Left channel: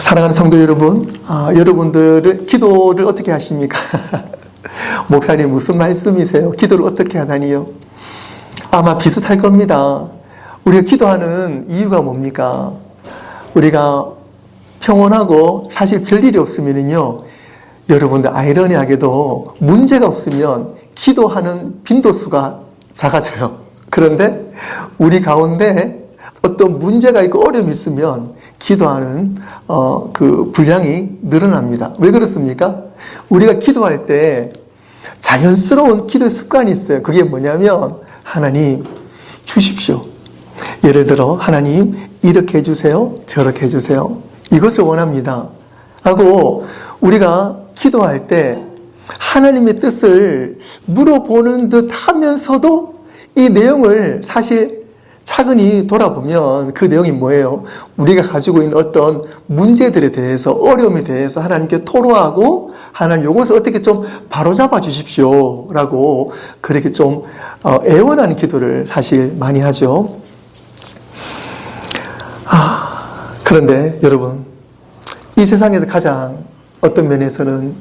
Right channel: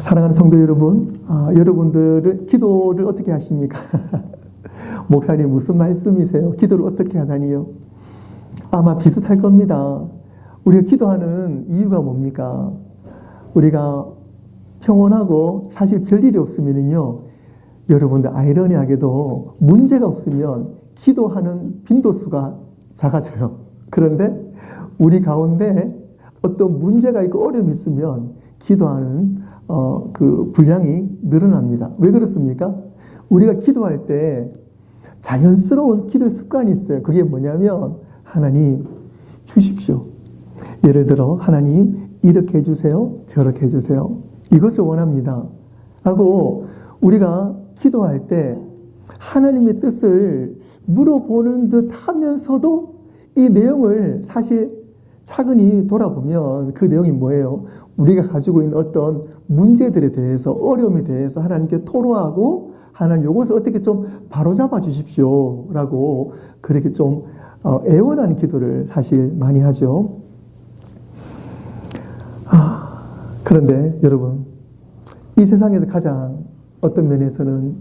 사랑하는 성도 여러분, 여러분들은 기도를 어떻게 하십니까? 목사님 무슨 말씀이세요? 기도를 어떻게 하다니요? 아마 비슷할 겁니다. 우리가 기도하는 이유가 뭡니까? 우리가 평온하고 사실 별일이 없으면요, 여러분들 아이러니하게도 문제가 없으면 기도하는 빈도수가 작아져요. 그런데 우리 가운데 어떤 문제가 있고 어려움이 있으면 기도하는 그 분량이 늘어납니다. 왜 그렇습니까? 우리가 기도할 때 자연스러운 기도의 습관이 있어요. 그게 뭐냐면, 하나님 주십시오. 예를 들어 하나님 이렇게 해주세요, 저렇게 해주세요, 이것을 원합니다 하고 우리가 기도할 때 하나님의 뜻을 물어보는 듯 하면서도 이 내용을 사실 차근히 돌아보면 그 내용이 뭐예요? 우리가 가지고 있는 어떤 문제들에 대해서, 어려움에 대해서 하나님께 토로하고, 하나님 이것을 어떻게 좀 바로잡아 주십시오 라고 그렇게 좀 애원하는 기도를 사실 많이 하죠. 그런데 여러분, 이 세상에서 가장 어떤 면에서는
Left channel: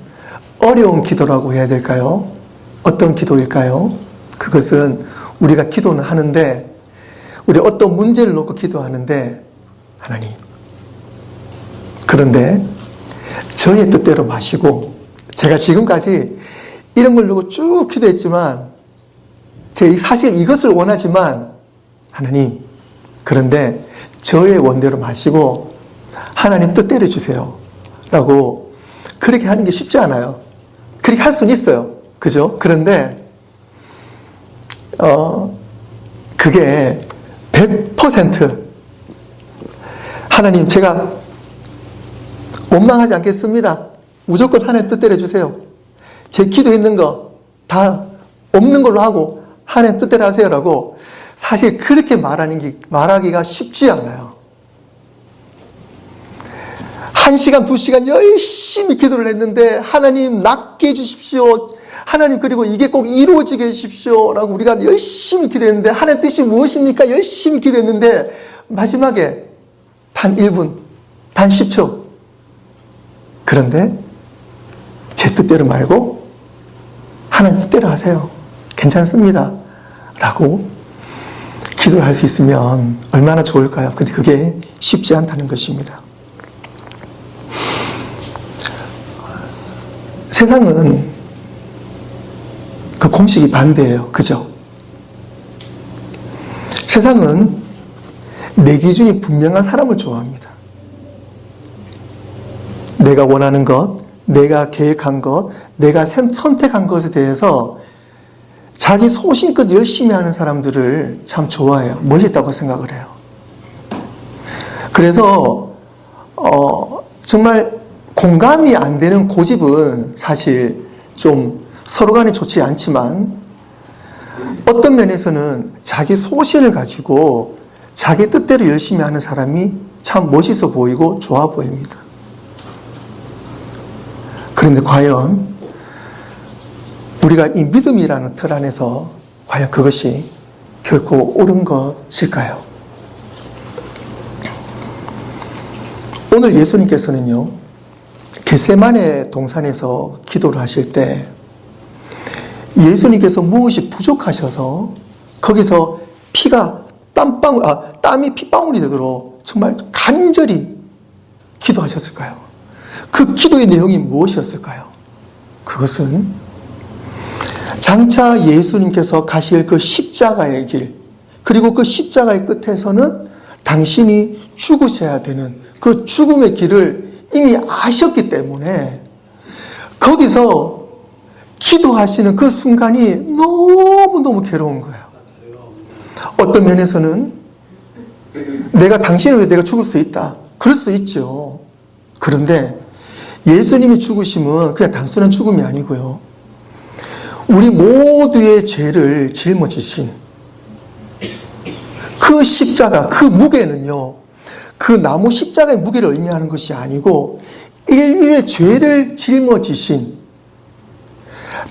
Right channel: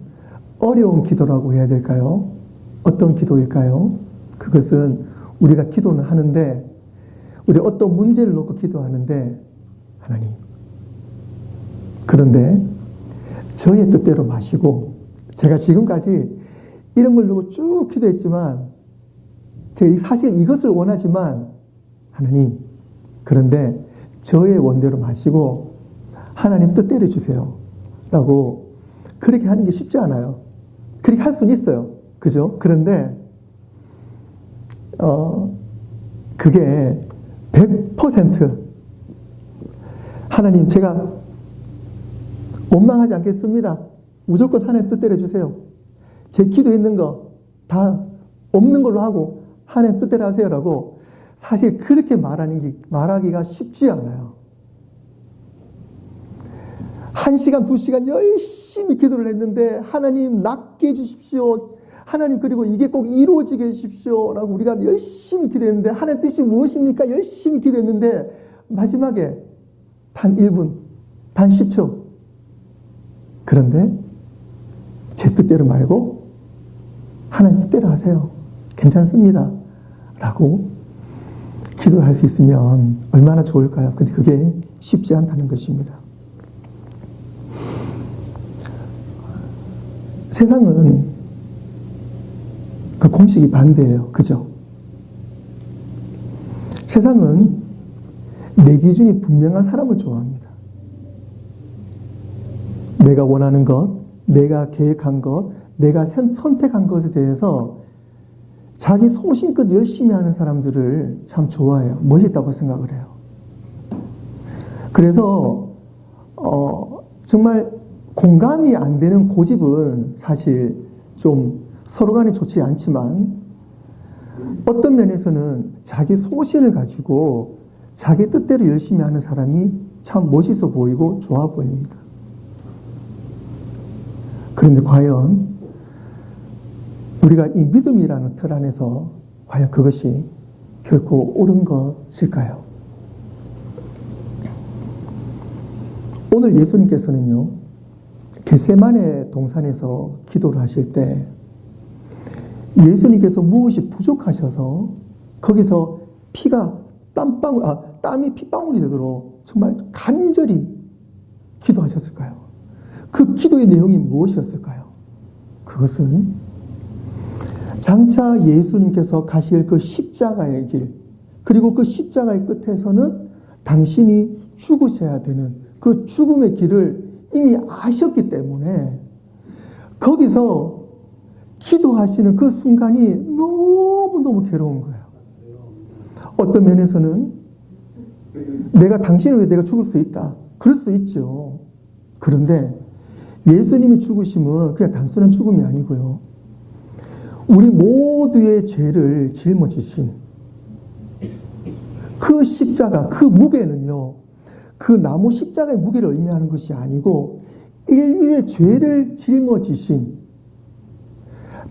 어려운 기도라고 해야 될까요? 어떤 기도일까요? 그것은 우리가 기도는 하는데, 우리 어떤 문제를 놓고 기도하는데, 하나님, 그런데 저의 뜻대로 마시고, 제가 지금까지 이런 걸 놓고 쭉 기도했지만, 제가 사실 이것을 원하지만, 하나님, 그런데 저의 원대로 마시고 하나님 뜻대로 해주세요 라고 그렇게 하는 게 쉽지 않아요. 그렇게 할 수는 있어요. 그죠? 그런데 그게 100% 하나님, 제가 원망하지 않겠습니다. 무조건 하나님 뜻대로 해주세요. 제 기도했는 거 다 없는 걸로 하고 하나님 뜻대로 하세요라고 사실 그렇게 말하기가 쉽지 않아요. 1시간, 2시간 열심히 기도를 했는데, 하나님 낫게 해주십시오. 하나님, 그리고 이게 꼭 이루어지게 해주십시오 라고 우리가 열심히 기도했는데, 하나님 뜻이 무엇입니까? 열심히 기도했는데 마지막에 단 1분, 단 10초. 그런데 제 뜻대로 말고 하나님 뜻대로 하세요. 괜찮습니다 라고 기도를 할 수 있으면 얼마나 좋을까요? 근데 그게 쉽지 않다는 것입니다. 세상은 그 공식이 반대예요. 그죠? 세상은 내 기준이 분명한 사람을 좋아합니다. 내가 원하는 것, 내가 계획한 것, 내가 선택한 것에 대해서 자기 소신껏 열심히 하는 사람들을 참 좋아해요. 멋있다고 생각을 해요. 그래서 정말 공감이 안 되는 고집은 사실 좀 서로 간에 좋지 않지만, 어떤 면에서는 자기 소신을 가지고 자기 뜻대로 열심히 하는 사람이 참 멋있어 보이고 좋아 보입니다. 그런데 과연 우리가 이 믿음이라는 틀 안에서 과연 그것이 결코 옳은 것일까요? 오늘 예수님께서는요, 겟세마네 동산에서 기도를 하실 때 예수님께서 무엇이 부족하셔서 거기서 땀이 핏방울이 되도록 정말 간절히 기도하셨을까요? 그 기도의 내용이 무엇이었을까요? 그것은 장차 예수님께서 가실 그 십자가의 길, 그리고 그 십자가의 끝에서는 당신이 죽으셔야 되는 그 죽음의 길을 이미 아셨기 때문에 거기서 기도하시는 그 순간이 너무너무 괴로운 거예요. 어떤 면에서는 내가 당신을 위해 내가 죽을 수 있다, 그럴 수 있죠. 그런데 예수님이 죽으심은 그냥 단순한 죽음이 아니고요, 우리 모두의 죄를 짊어지신 그 십자가, 그 무게는요, 그 나무 십자가의 무게를 의미하는 것이 아니고 인류의 죄를 짊어지신,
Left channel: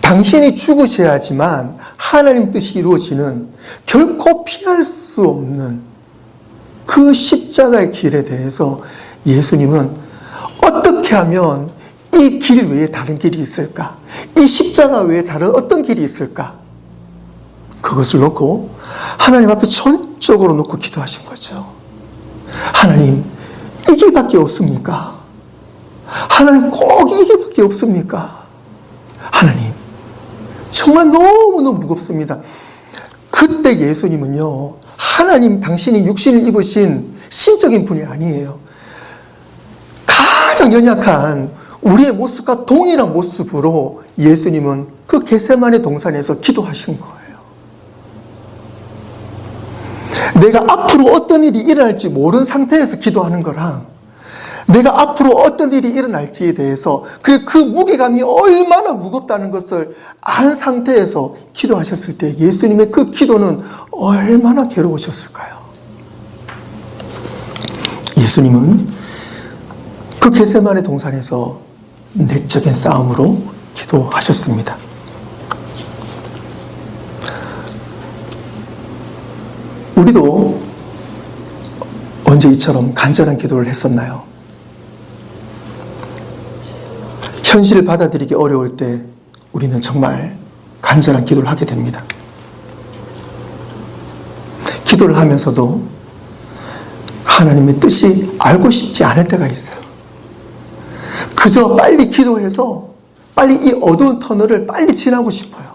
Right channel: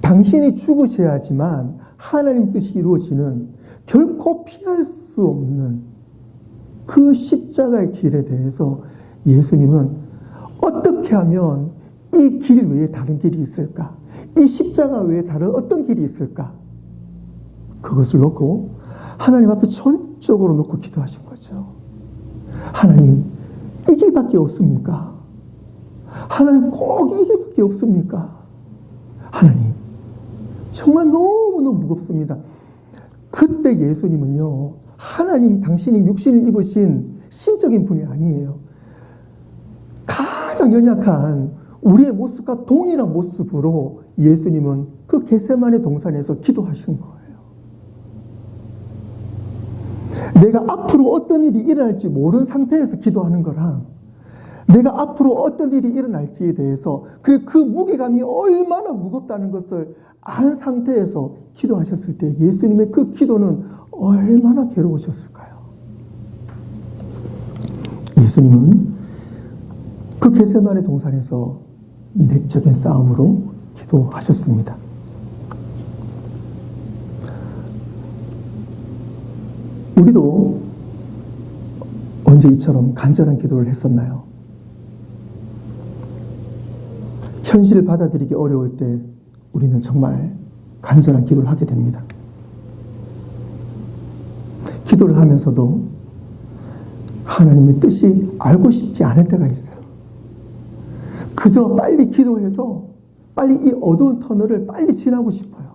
당신이 죽으셔야지만 하나님 뜻이 이루어지는, 결코 피할 수 없는 그 십자가의 길에 대해서 예수님은 어떻게 하면 이 길 외에 다른 길이 있을까? 이 십자가 외에 다른 어떤 길이 있을까? 그것을 놓고 하나님 앞에 전적으로 놓고 기도하신 거죠. 하나님, 이 길밖에 없습니까? 하나님, 꼭 이 길밖에 없습니까? 하나님, 정말 너무너무 무겁습니다. 그때 예수님은요, 하나님 당신이 육신을 입으신 신적인 분이 아니에요. 가장 연약한 우리의 모습과 동일한 모습으로 예수님은 그 겟세마네 동산에서 기도하신 거예요. 내가 앞으로 어떤 일이 일어날지 모르는 상태에서 기도하는 거랑 내가 앞으로 어떤 일이 일어날지에 대해서 그 무게감이 얼마나 무겁다는 것을 안 상태에서 기도하셨을 때 예수님의 그 기도는 얼마나 괴로우셨을까요? 예수님은 그 겟세마네 동산에서 내적인 싸움으로 기도하셨습니다. 우리도 언제 이처럼 간절한 기도를 했었나요? 현실을 받아들이기 어려울 때 우리는 정말 간절한 기도를 하게 됩니다. 기도를 하면서도 하나님의 뜻이 알고 싶지 않을 때가 있어요. 그저 빨리 기도해서 빨리 이 어두운 터널을 빨리 지나고 싶어요.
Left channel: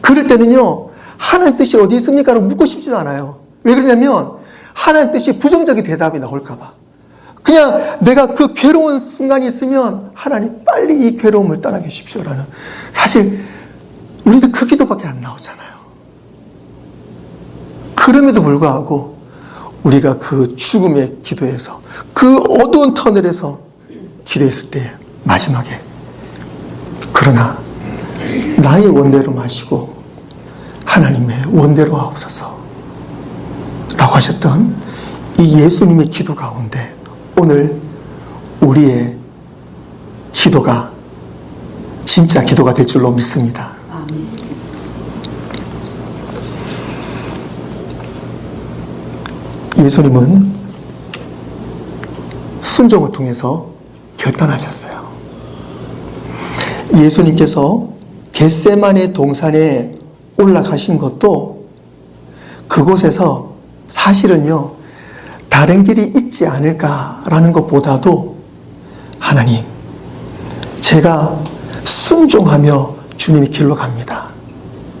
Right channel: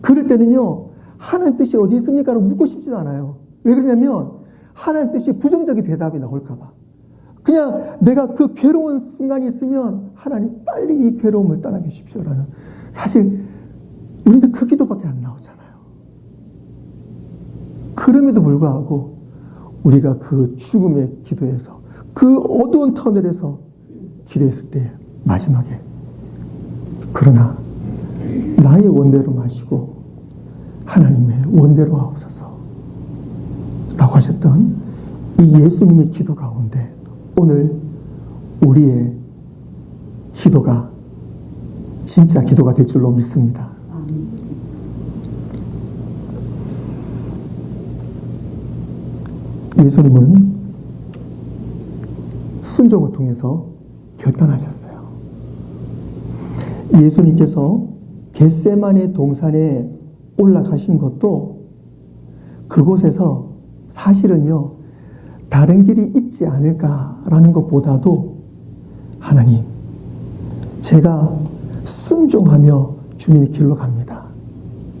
그럴 때는요, 하나님 뜻이 어디 있습니까? 라고 묻고 싶지도 않아요. 왜 그러냐면 하나님 뜻이 부정적인 대답이 나올까 봐. 그냥 내가 그 괴로운 순간이 있으면 하나님 빨리 이 괴로움을 떠나게 해주십시오라는, 사실 우리도 그 기도밖에 안 나오잖아요. 그럼에도 불구하고 우리가 그 죽음의 기도에서 그 어두운 터널에서 기도했을 때 마지막에 그러나 나의 원대로 마시고 하나님의 원대로 하옵소서 라고 하셨던 이 예수님의 기도 가운데 오늘 우리의 기도가 진짜 기도가 될 줄로 믿습니다. 예수님은 순종을 통해서 결단하셨어요. 예수님께서 겟세마네 동산에 올라가신 것도 그곳에서 사실은요, 다른 길이 있지 않을까라는 것보다도 하나님, 제가 순종하며 주님의 길로 갑니다.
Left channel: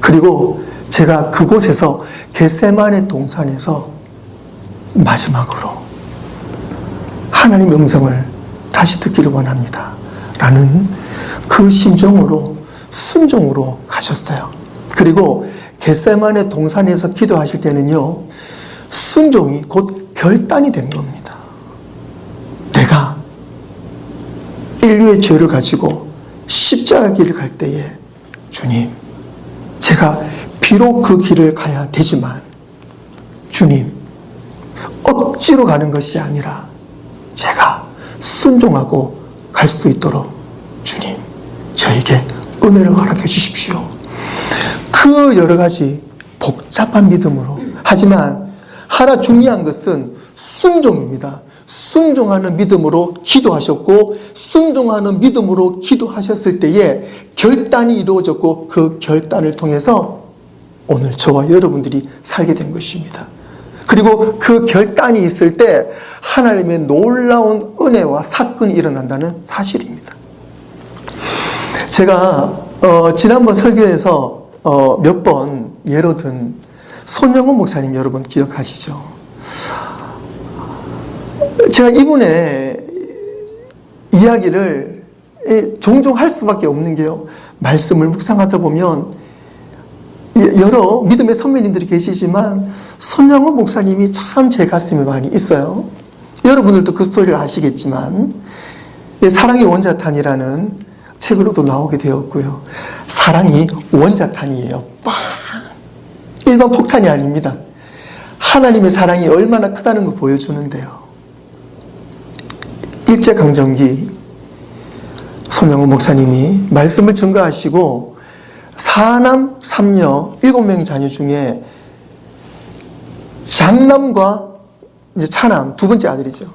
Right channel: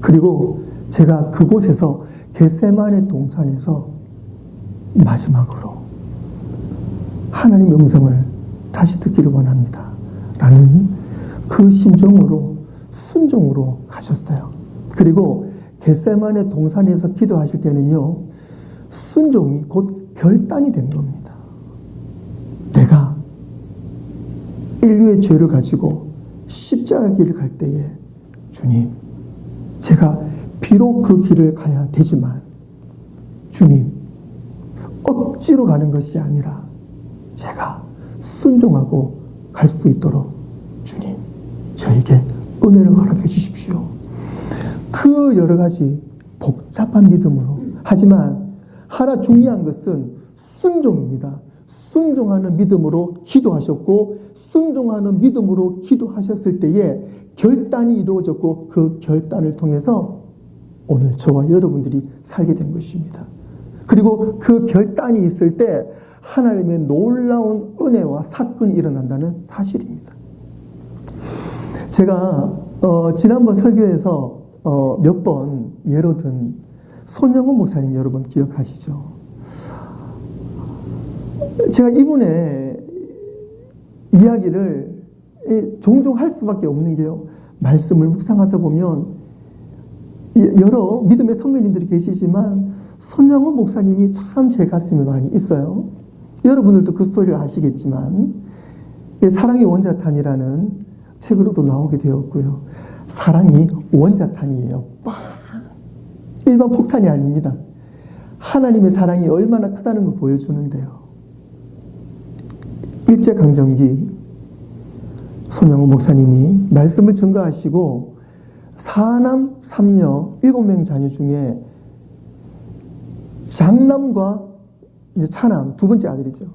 그리고 제가 그곳에서 겟세마네 동산에서 마지막으로 하나님의 음성을 다시 듣기를 원합니다. 라는 그 심정으로 순종으로 가셨어요. 그리고 겟세마네 동산에서 기도하실 때는요, 순종이 곧 결단이 된 겁니다. 내가 인류의 죄를 가지고 십자가 길을 갈 때에 주님, 제가 비록 그 길을 가야 되지만 주님, 억지로 가는 것이 아니라 제가 순종하고 갈 수 있도록 주님, 저에게 은혜를 허락해 주십시오. 그 여러 가지 복잡한 믿음으로, 하지만 하나 중요한 것은 순종입니다. 순종하는 믿음으로 기도하셨고 순종하는 믿음으로 기도하셨을 때에 결단이 이루어졌고 그 결단을 통해서 오늘 저와 여러분들이 살게 된 것입니다. 그리고 그 결단이 있을 때 하나님의 놀라운 은혜와 사건이 일어난다는 사실입니다. 제가 지난번 설교에서 몇 번 예로 든 손영훈 목사님 여러분 기억하시죠? 제가 이분의 이야기를 종종 할 수밖에 없는 게요, 말씀을 묵상하다 보면 여러 믿음의 선배님들이 계시지만 손영훈 목사님이 참 제 가슴에 많이 있어요. 여러분들도 그 스토리를 아시겠지만 사랑이 원자탄이라는 책으로도 나오게 되었고요. 사랑이 원자탄이에요. 빵! 일반 폭탄이 아닙니다. 하나님의 사랑이 얼마나 크다는 걸 보여주는데요. 일제강점기 손영훈 목사님이 말씀을 증거하시고 사남, 삼녀, 7명의 자녀 중에 장남과 이제 차남, 두 번째 아들이죠.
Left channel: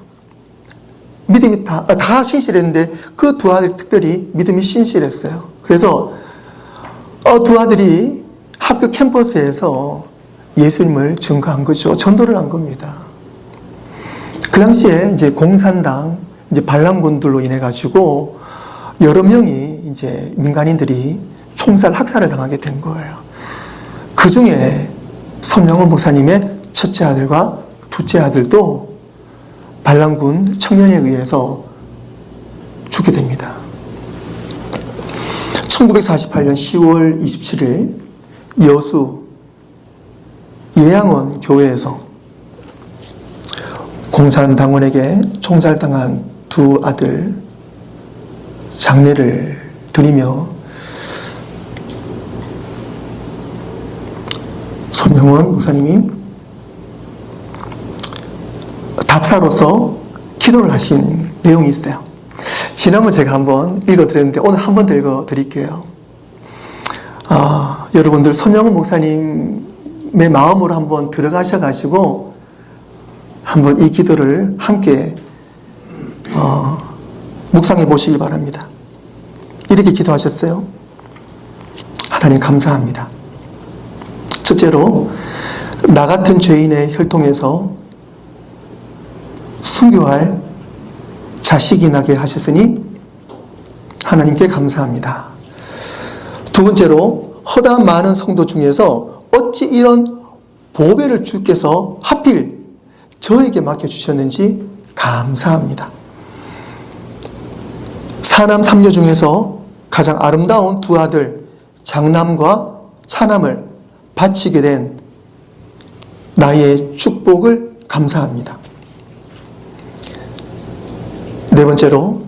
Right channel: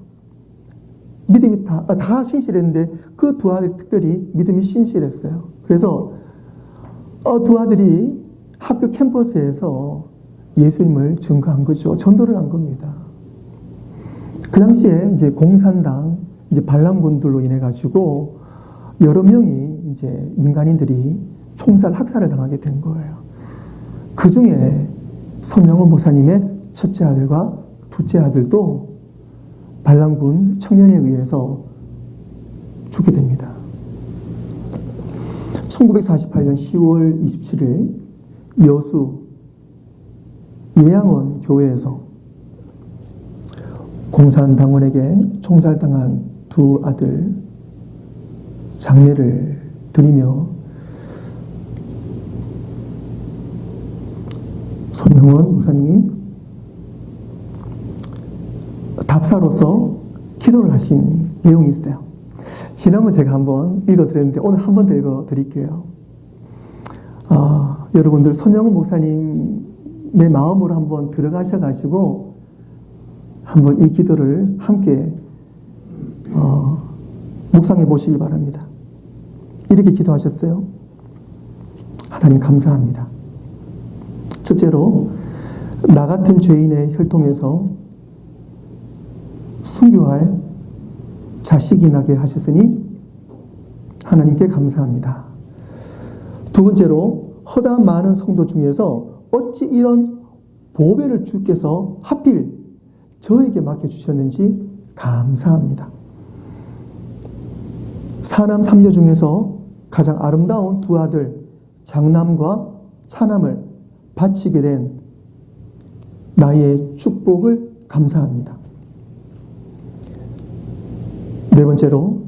믿음이 다 신실했는데 그 두 아들 특별히 믿음이 신실했어요. 그래서 두 아들이 학교 캠퍼스에서 예수님을 증거한 거죠. 전도를 한 겁니다. 그 당시에 이제 공산당 이제 반란군들로 인해 가지고 여러 명이 이제 민간인들이 총살 학살을 당하게 된 거예요. 그 중에 손영원 목사님의 첫째 아들과 둘째 아들도 반란군 청년에 의해서 죽게 됩니다. 1948년 10월 27일 여수 예양원 교회에서 공산당원에게 총살당한 두 아들 장례를 드리며 손영원 목사님이 답사로서 기도를 하신 내용이 있어요. 지난번 제가 한번 읽어드렸는데 오늘 한 번 더 읽어드릴게요. 여러분들 손영원 목사님의 마음으로 한번 들어가셔가지고 한번 이 기도를 함께 묵상해 보시기 바랍니다. 이렇게 기도하셨어요. 하나님 감사합니다. 첫째로 나 같은 죄인의 혈통에서 순교할 자식이 나게 하셨으니 하나님께 감사합니다. 두 번째로 허다한 많은 성도 중에서 어찌 이런 보배를 주께서 하필 저에게 맡겨주셨는지 감사합니다. 사남 삼녀 중에서 가장 아름다운 두 아들 장남과 차남을 바치게 된 나의 축복을 감사합니다. 네 번째로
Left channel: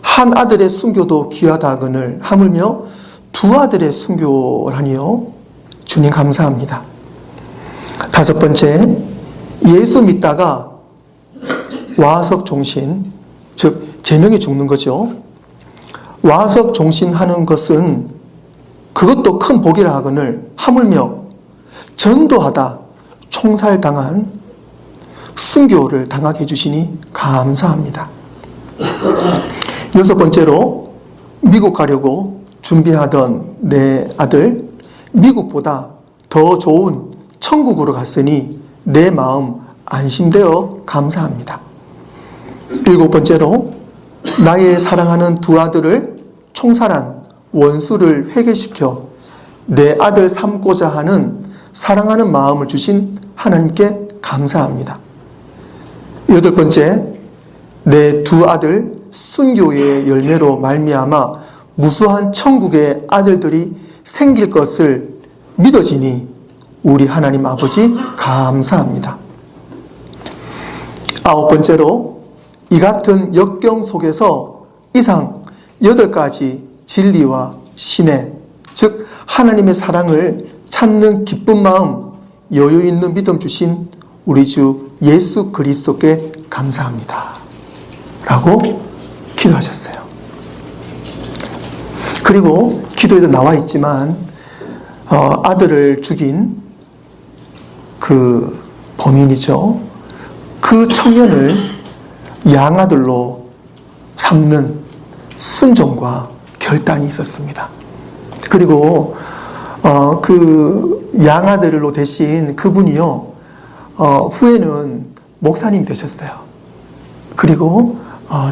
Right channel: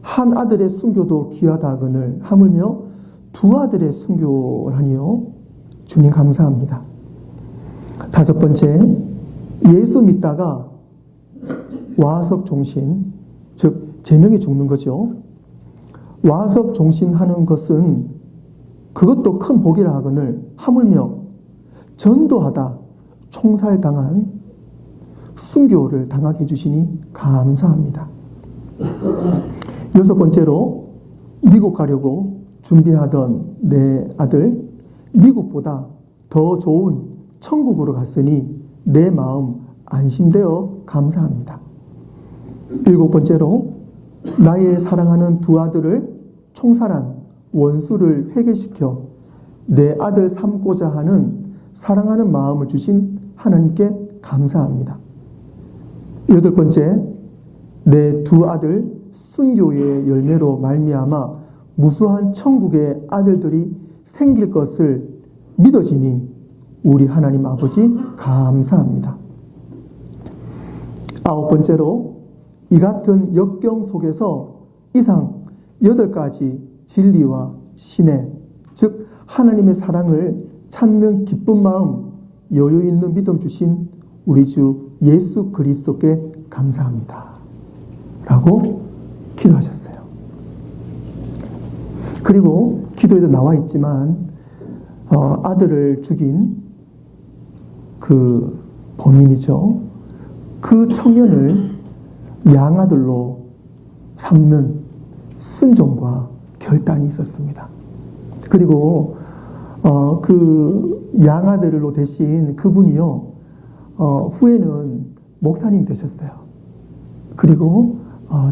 한 아들의 순교도 귀하다거늘 하물며 두 아들의 순교라니요. 주님 감사합니다. 다섯 번째, 예수 믿다가 와석 종신, 즉 제명에 죽는 거죠. 와석 종신하는 것은 그것도 큰 복이라 하거늘 하물며 전도하다 총살당한 순교를 당하게 해주시니 감사합니다. 여섯 번째로 미국 가려고 준비하던 내 아들 미국보다 더 좋은 천국으로 갔으니 내 마음 안심되어 감사합니다. 일곱 번째로 나의 사랑하는 두 아들을 총살한 원수를 회개시켜 내 아들 삼고자 하는 사랑하는 마음을 주신 하나님께 감사합니다. 여덟 번째, 내 두 아들 순교의 열매로 말미암아 무수한 천국의 아들들이 생길 것을 믿어지니 우리 하나님 아버지 감사합니다. 아홉 번째로 이 같은 역경 속에서 이상 8가지 진리와 신의 즉 하나님의 사랑을 찾는 기쁜 마음 여유 있는 믿음 주신 우리 주 예수 그리스도께 감사합니다 라고 기도하셨어요. 그리고 기도에도 나와 있지만 아들을 죽인 그 범인이죠. 그 청년을 양아들로 삼는 순종과 결단이 있었습니다. 그리고 그 양아들로 대신 그분이요 후에는 목사님이 되셨어요. 그리고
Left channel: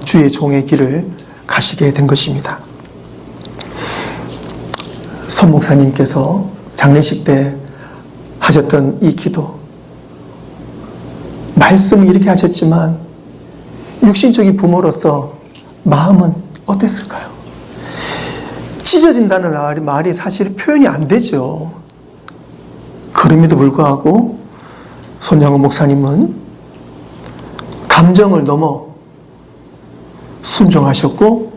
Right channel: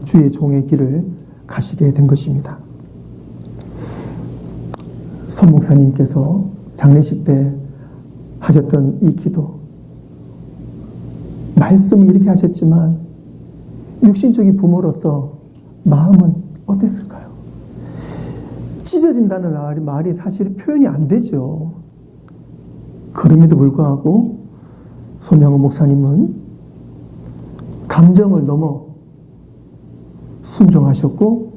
주의 종의 길을 가시게 된 것입니다. 손 목사님께서 장례식 때 하셨던 이 기도, 말씀은 이렇게 하셨지만 육신적인 부모로서 마음은 어땠을까요? 찢어진다는 말이 사실 표현이 안 되죠. 그럼에도 불구하고 손영원 목사님은 감정을 넘어 순종하셨고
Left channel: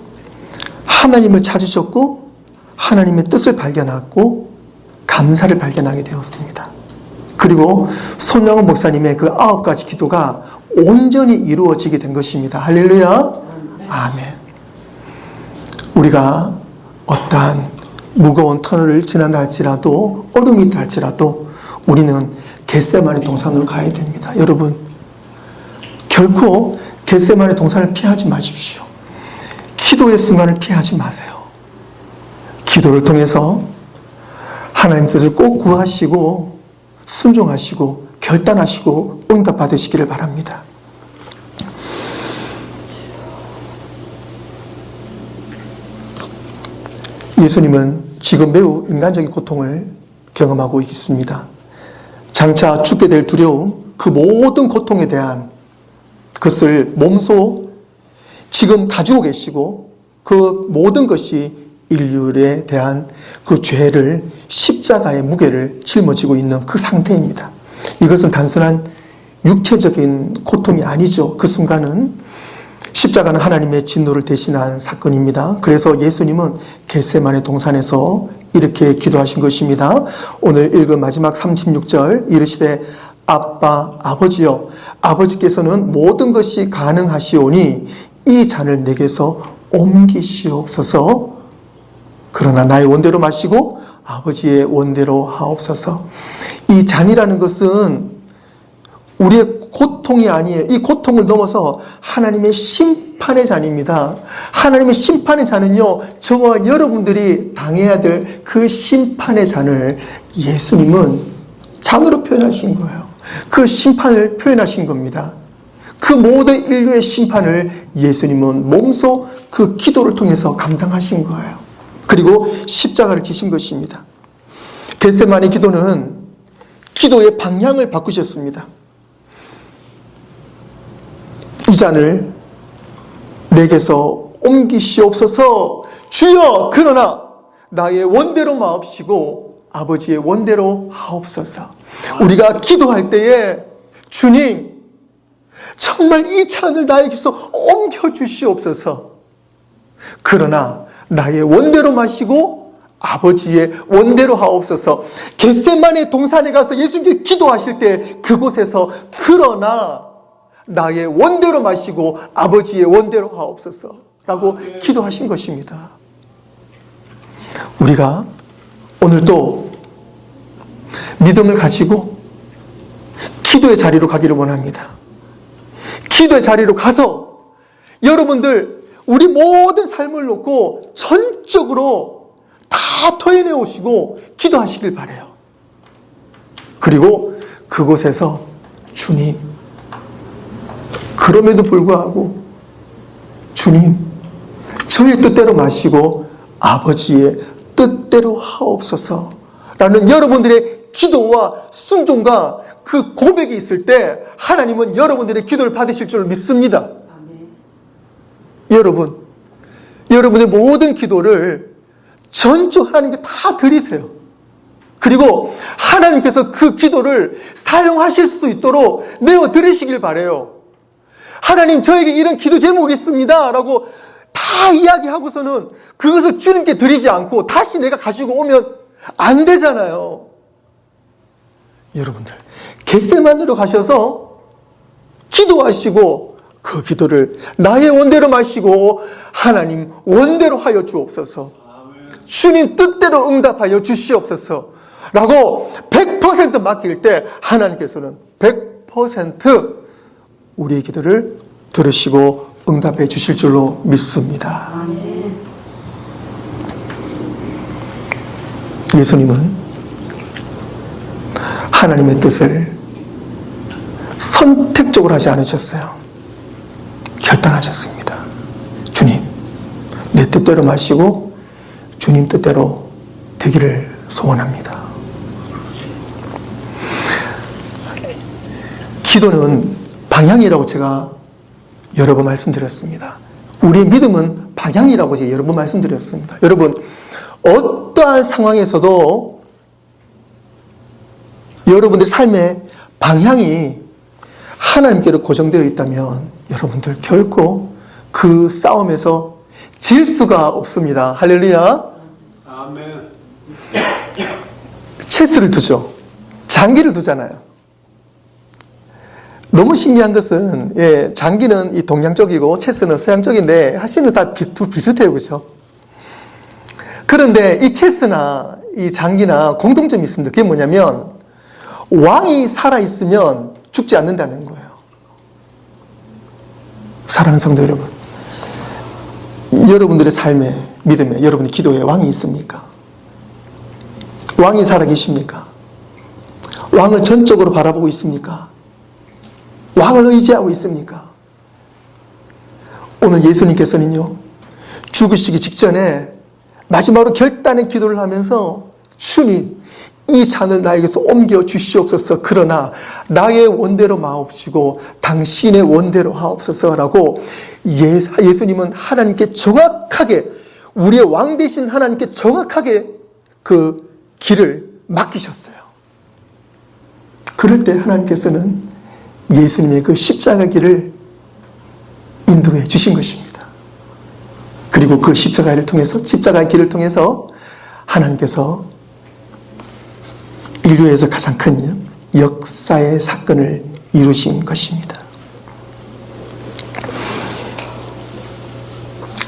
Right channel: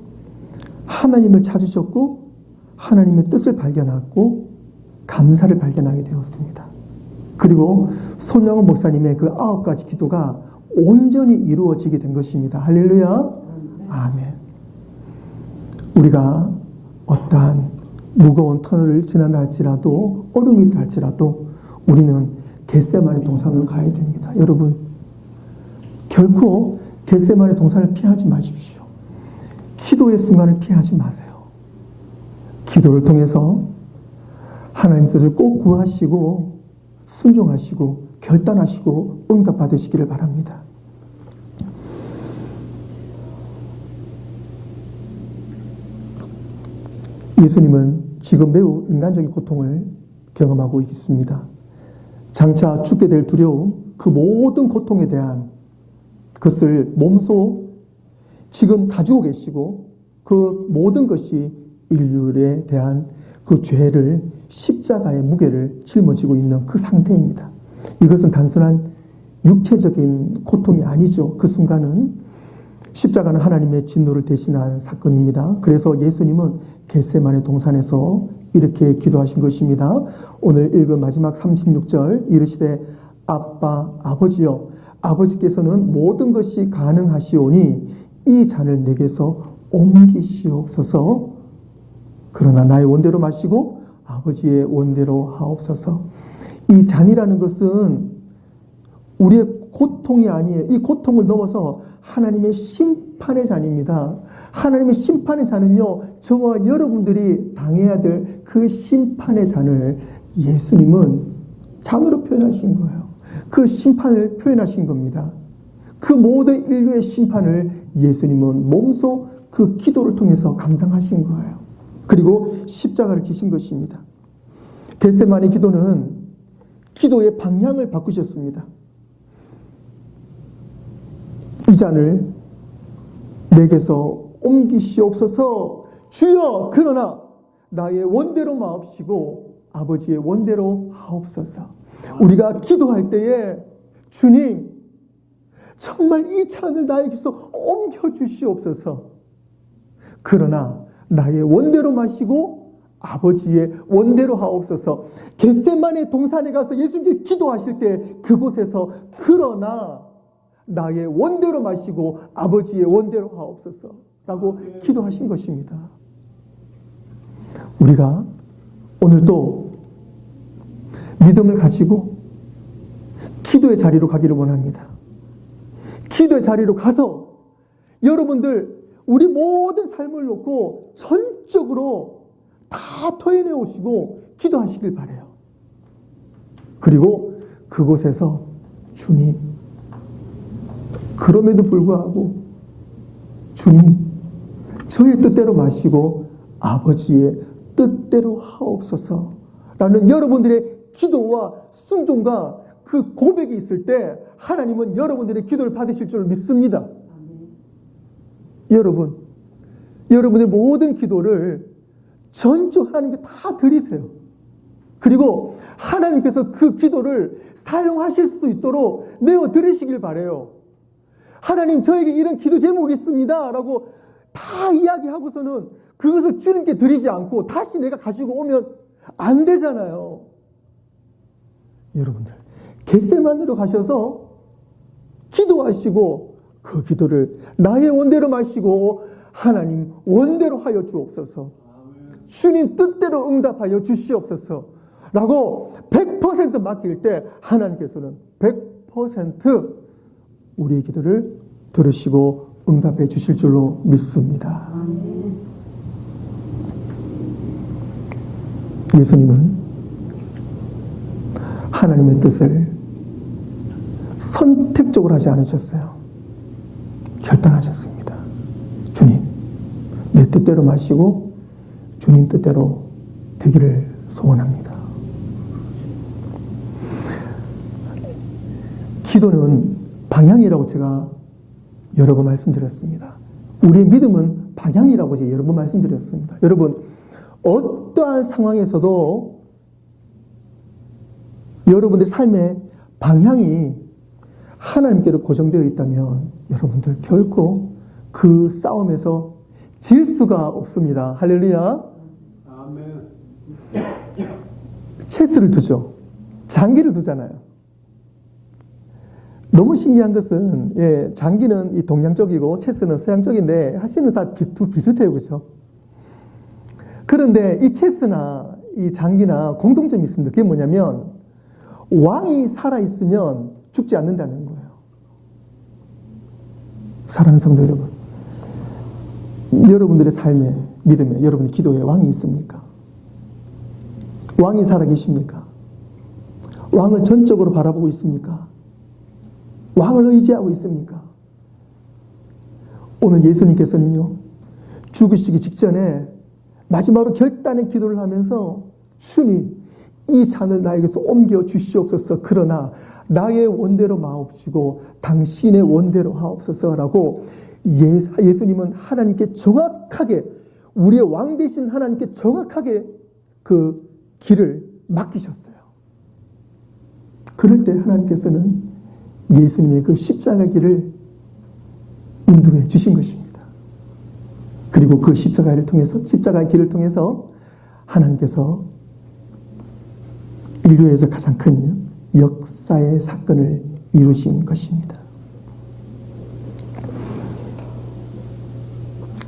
하나님을 찾으셨고 하나님의 뜻을 발견하고 감사를 발견하게 되었습니다. 그리고 손영원 목사님의 그 9가지 기도가 온전히 이루어지게 된 것입니다. 할렐루야. 아멘. 우리가 어떠한 무거운 터널을 지난다 할지라도 얼음이 있다 할지라도 우리는 겟세마네 동산으로 가야 됩니다. 여러분 결코 겟세마네 동산을 피하지 마십시오. 기도의 순간을 피하지 마세요. 기도를 통해서 하나님 뜻을 꼭 구하시고 순종하시고 결단하시고 응답 받으시기를 바랍니다. 예수님은 지금 매우 인간적인 고통을 경험하고 있습니다. 장차 죽게 될 두려움, 그 모든 고통에 대한 그것을 몸소 지금 가지고 계시고 그 모든 것이 인류에 대한 그 죄를 십자가의 무게를 짊어지고 있는 그 상태입니다. 이것은 단순한 육체적인 고통이 아니죠. 그 순간은 십자가는 하나님의 진노를 대신한 사건입니다. 그래서 예수님은 겟세마네 동산에서 이렇게 기도하신 것입니다. 오늘 읽은 마지막 36절 이르시되 아빠 아버지여 아버지께서는 모든 것이 가능하시오니 이 잔을 내게서 옮기시옵소서. 그러나 나의 원대로 마시고 아버지의 원대로 하옵소서. 이 잔이라는 것은 우리의 고통이 아니에요. 이 고통을 넘어서 하나님의 심판의 잔입니다. 하나님의 심판의 잔은요, 저와 여러분들이 당해야 될 그 심판의 잔을 예수님은 잔으로 표현하신 거예요. 그 심판을 표현하신 겁니다. 그 모든 인류의 심판을 예수님은 몸소 그 기도를 통해서 감당하신 거예요. 그리고 십자가를 지신 것입니다. 겟세마네 기도는 기도의 방향을 바꾸셨습니다. 이 잔을 내게서 옮기시옵소서. 주여 그러나 나의 원대로 마옵시고 아버지의 원대로 하옵소서. 우리가 기도할 때에 주님 정말 이 잔을 나에게서 옮겨주시옵소서. 그러나 나의 원대로 마시고 아버지의 원대로 하옵소서. 겟세마네 동산에 가서 예수님께 기도하실 때 그곳에서 그러나 나의 원대로 마시고 아버지의 원대로 하옵소서 라고 기도하신 것입니다. 우리가 오늘도 믿음을 가지고 기도의 자리로 가기를 원합니다. 기도의 자리로 가서 여러분들 우리 모든 삶을 놓고 전적으로 다 토해내 오시고 기도하시길 바라요. 그리고 그곳에서 주님, 그럼에도 불구하고 주님, 저의 뜻대로 마시고 아버지의 뜻대로 하옵소서 라는 여러분들의 기도와 순종과 그 고백이 있을 때 하나님은 여러분들의 기도를 받으실 줄 믿습니다. 여러분의 모든 기도를 전적 하나님께 다 드리세요. 그리고 하나님께서 그 기도를 사용하실 수 있도록 내어 드리시길 바라요. 하나님 저에게 이런 기도 제목이 있습니다 라고 다 이야기하고서는 그것을 주님께 드리지 않고 다시 내가 가지고 오면 안 되잖아요. 여러분들 겟세마네로 가셔서 기도하시고 그 기도를 나의 원대로 마시고 하나님 원대로 하여 주옵소서. 주님 뜻대로 응답하여 주시옵소서 라고 100% 맡길 때 하나님께서는 100% 우리의 기도를 들으시고 응답해 주실 줄로 믿습니다. 예수님은 하나님의 뜻을 선택적으로 하지 않으셨어요. 결단하셨습니다. 주님, 내 뜻대로 마시고 주님 뜻대로 되기를 소원합니다. 기도는 방향이라고 제가 여러 번 말씀드렸습니다. 우리의 믿음은 방향이라고 제가 여러 번 말씀드렸습니다. 여러분, 어떠한 상황에서도 여러분들 삶의 방향이 하나님께로 고정되어 있다면 여러분들 결코 그 싸움에서 질 수가 없습니다. 할렐루야. 아멘. 체스를 두죠. 장기를 두잖아요. 너무 신기한 것은 장기는 이 동양 쪽이고 체스는 서양 쪽인데 사실은 다 비슷해요. 그렇죠? 그런데 이 체스나 이 장기나 공통점이 있습니다. 그게 뭐냐면 왕이 살아있으면 죽지 않는다는 거예요. 사랑하는 성도 여러분, 여러분들의 삶에, 믿음에, 여러분의 기도에 왕이 있습니까? 왕이 살아계십니까? 왕을 전적으로 바라보고 있습니까? 왕을 의지하고 있습니까? 오늘 예수님께서는요, 죽으시기 직전에 마지막으로 결단의 기도를 하면서 주님, 이 잔을 나에게서 옮겨 주시옵소서. 그러나 나의 원대로 마옵시고 당신의 원대로 하옵소서라고 예수님은 하나님께 정확하게, 우리의 왕 되신 하나님께 정확하게 그 길을 맡기셨어요. 그럴 때 하나님께서는 예수님의 그 십자가 길을 인도해 주신 것입니다. 그리고 그 십자가의 길을 통해서 하나님께서 인류에서 가장 큰 역사의 사건을 이루신 것입니다.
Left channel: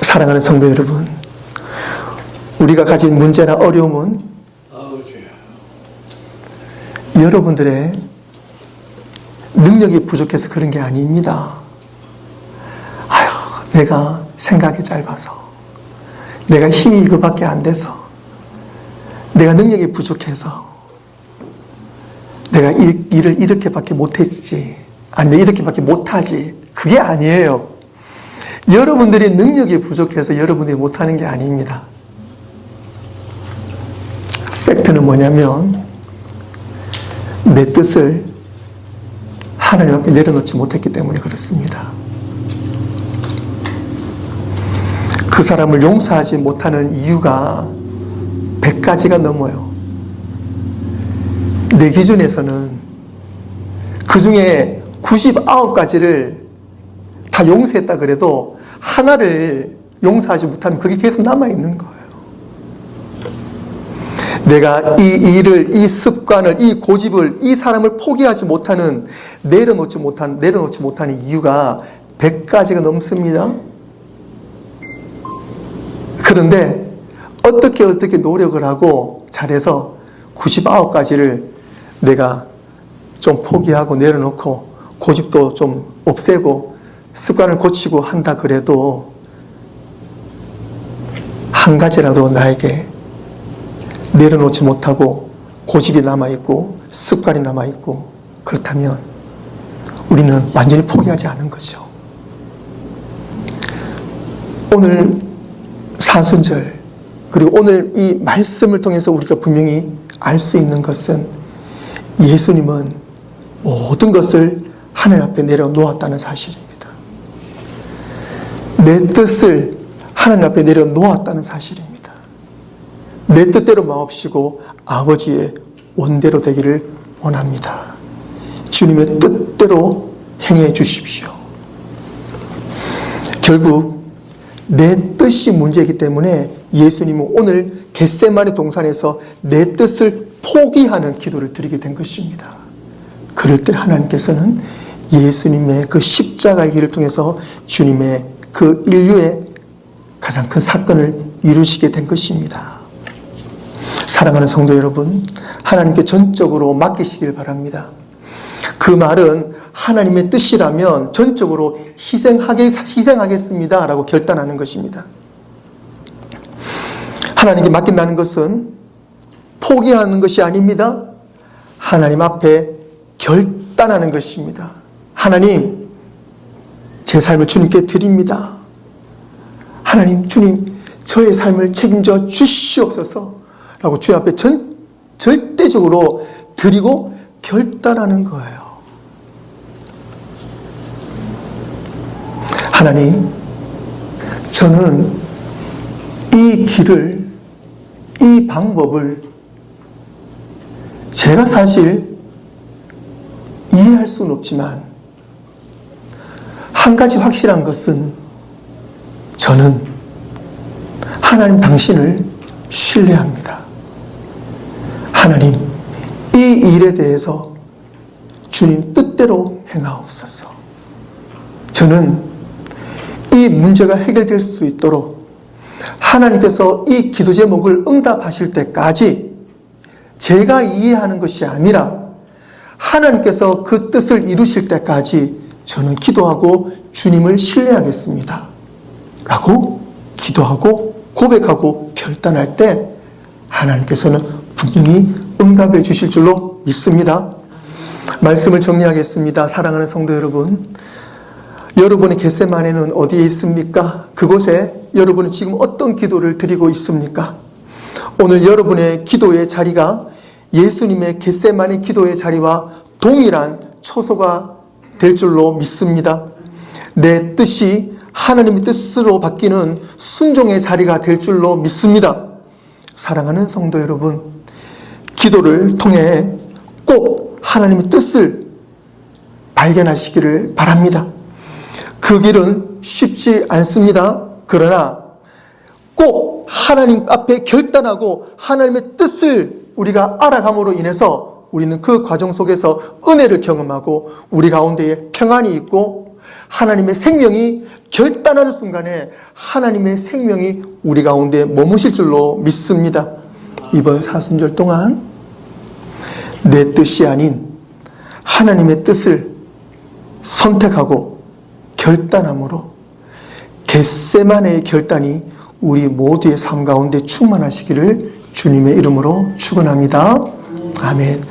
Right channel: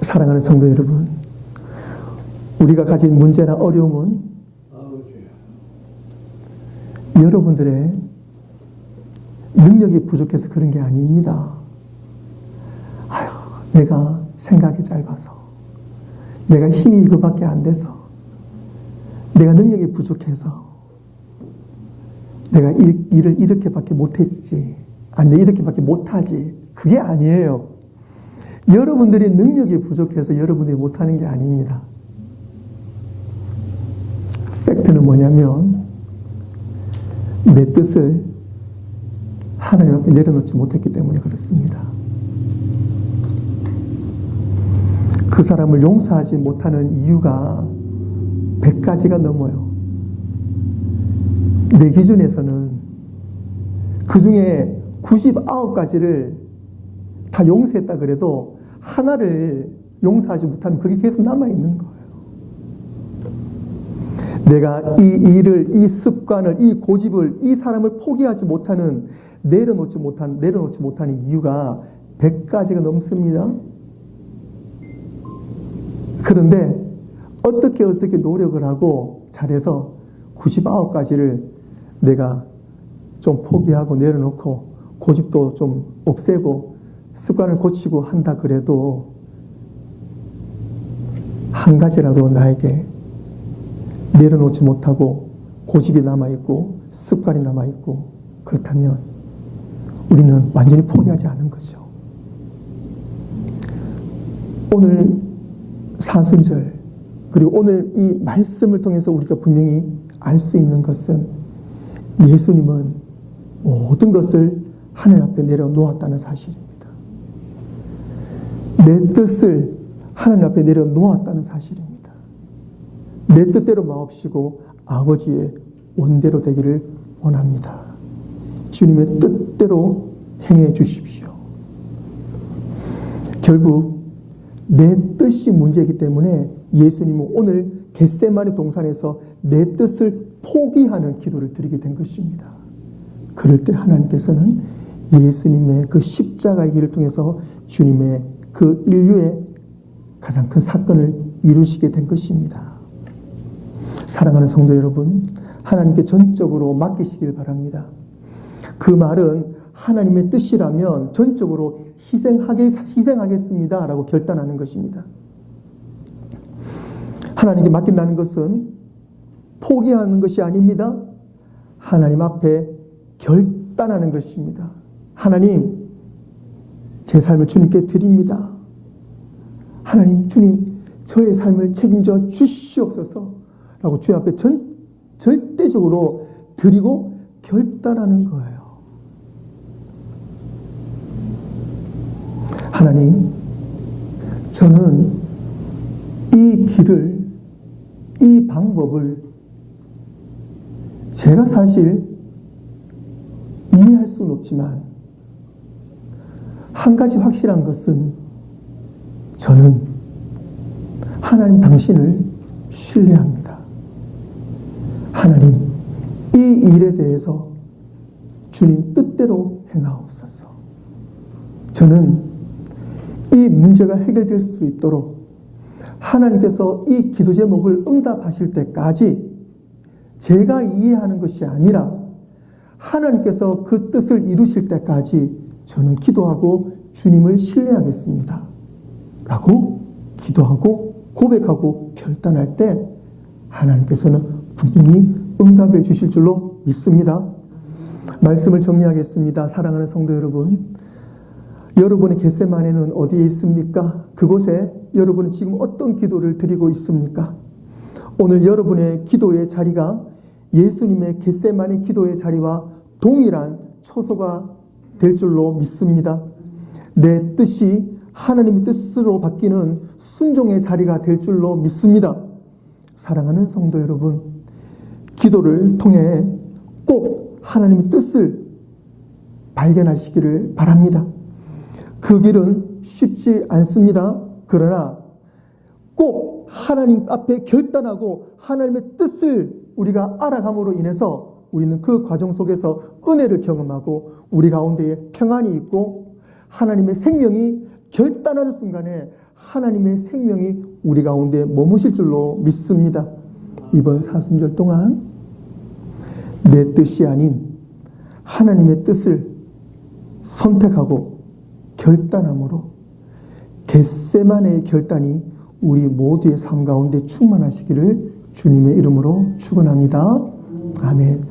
사랑하는 성도 여러분, 우리가 가진 문제나 어려움은 여러분들의 능력이 부족해서 그런 게 아닙니다. 아휴, 내가 생각이 짧아서, 내가 힘이 이거밖에 안 돼서, 내가 능력이 부족해서, 내가 일을 이렇게밖에 못했지, 아니면 이렇게밖에 못하지, 그게 아니에요. 여러분들이 능력이 부족해서 여러분들이 못하는 게 아닙니다. 팩트는 뭐냐면 내 뜻을 하나님 앞에 내려놓지 못했기 때문에 그렇습니다. 그 사람을 용서하지 못하는 이유가 100가지가 넘어요. 내 기준에서는 그 중에 99가지를 다 용서했다 그래도 하나를 용서하지 못하면 그게 계속 남아있는 거예요. 내가 이 일을, 이 습관을, 이 고집을, 이 사람을 포기하지 못하는, 내려놓지 못하는 이유가 100가지가 넘습니다. 그런데 어떻게 노력을 하고 잘해서 99가지를 내가 좀 포기하고 내려놓고 고집도 좀 없애고 습관을 고치고 한다 그래도 한 가지라도 나에게 내려놓지 못하고 고집이 남아있고 습관이 남아있고 그렇다면 우리는 완전히 포기하지 않은 거죠. 오늘 사순절 그리고 오늘 이 말씀을 통해서 우리가 분명히 알 수 있는 것은 예수님은 모든 것을 하나님 앞에 내려놓았다는 사실입니다. 내 뜻을 하나님 앞에 내려놓았다는 사실입니다. 내 뜻대로 마옵시고 아버지의 원대로 되기를 원합니다. 주님의 뜻대로 행해 주십시오. 결국 내 뜻이 문제이기 때문에 예수님은 오늘 겟세마네 동산에서 내 뜻을 포기하는 기도를 드리게 된 것입니다. 그럴 때 하나님께서는 예수님의 그 십자가의 길을 통해서 주님의 그 인류의 가장 큰 사건을 이루시게 된 것입니다. 사랑하는 성도 여러분, 하나님께 전적으로 맡기시길 바랍니다. 그 말은 하나님의 뜻이라면 전적으로 희생하겠습니다 라고 결단하는 것입니다. 하나님께 맡긴다는 것은 포기하는 것이 아닙니다. 하나님 앞에 결단하는 것입니다. 하나님, 제 삶을 주님께 드립니다. 하나님, 주님, 저의 삶을 책임져 주시옵소서 라고 주님 앞에 절대적으로 드리고 결단하는 거예요. 하나님, 저는 이 길을, 이 방법을 제가 사실 이해할 수는 없지만 한 가지 확실한 것은 저는 하나님 당신을 신뢰합니다. 하나님, 이 일에 대해서 주님 뜻대로 행하옵소서. 저는 이 문제가 해결될 수 있도록 하나님께서 이 기도 제목을 응답하실 때까지 제가 이해하는 것이 아니라 하나님께서 그 뜻을 이루실 때까지 저는 기도하고 주님을 신뢰하겠습니다. 라고 기도하고 고백하고 결단할 때 하나님께서는 분명히 응답해 주실 줄로 믿습니다. 말씀을 정리하겠습니다. 사랑하는 성도 여러분, 여러분의 겟세마네는 어디에 있습니까? 그곳에 여러분은 지금 어떤 기도를 드리고 있습니까? 오늘 여러분의 기도의 자리가 예수님의 겟세마네 기도의 자리와 동일한 처소가 될 줄로 믿습니다. 내 뜻이 하나님의 뜻으로 바뀌는 순종의 자리가 될 줄로 믿습니다. 사랑하는 성도 여러분, 기도를 통해 꼭 하나님의 뜻을 발견하시기를 바랍니다. 그 길은 쉽지 않습니다. 그러나 꼭 하나님 앞에 결단하고 하나님의 뜻을 우리가 알아감으로 인해서 우리는 그 과정 속에서 은혜를 경험하고 우리 가운데에 평안이 있고 하나님의 생명이 결단하는 순간에 하나님의 생명이 우리 가운데 머무실 줄로 믿습니다. 이번 사순절 동안 내 뜻이 아닌 하나님의 뜻을 선택하고 결단함으로 겟세마네의 결단이 우리 모두의 삶 가운데 충만하시기를 주님의 이름으로 축원합니다. 아멘.